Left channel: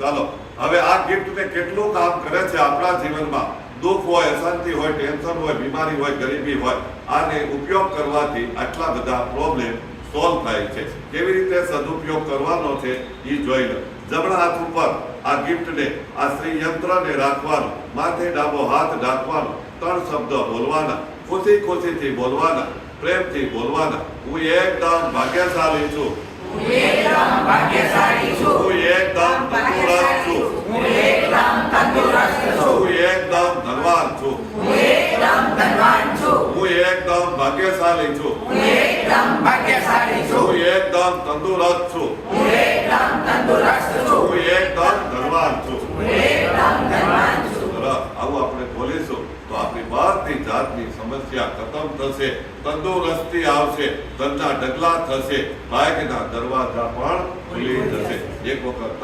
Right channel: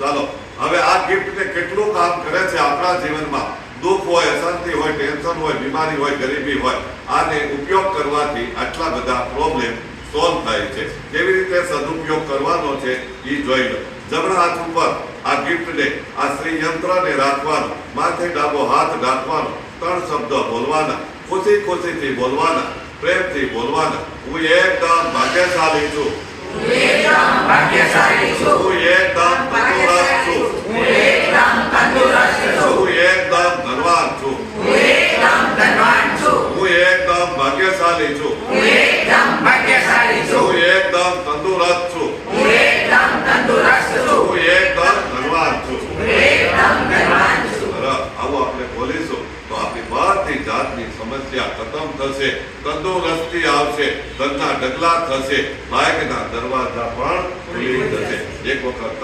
ચાલો હવે આ ગિફ્ટ ને કેટલું કામ કરે છે આપણા જીવનમાં. દુઃખ હોય, અશાંતિ હોય, ટેન્શન હોય, બીમારી હોય, ગરીબી હોય, આને ઉપયોગ કરવાથી આટલા બધા પ્રોબ્લેમ સોલ્વ થાય છે. કેવી રીતે સદુપયોગ કરવાનો છે એ જોઈ લો. જમણા હાથ ઉપર આ ગિફ્ટને, આ શ્રી યંત્રને રાખવાનું, માથે ડાબો હાથ રાખવાનો, 3 શબ્દો બોલવાના, ખુશી ખુશીથી બોલવાના, પ્રેમથી બોલવાના. હું એકદમ ભાગ્યશાળી છું. હું એકદમ ભાગ્યશાળી છું. હું એકદમ તંદુરસ્ત છું. હું એકદમ તંદુરસ્ત છું. હું એકદમ ધનવાન છું. હું એકદમ ધનવાન છું. હું એકદમ ભાગ્યશાળી છું. હું એકદમ ભાગ્યશાળી છું. હું એકદમ તંદુરસ્ત છું. હું એકદમ તંદુરસ્ત છું. હું એકદમ ધનવાન છું. હું એકદમ ધનવાન છું. આવું આપણે બોલીશું તો આપણી બધી જાતની સમસ્યા ખતમ થશે, તંદુરસ્તી આવશે, ધનના ઢગલા થશે, ભાગ્યના દરવાજા પણ ખુલી જશે. એક વખત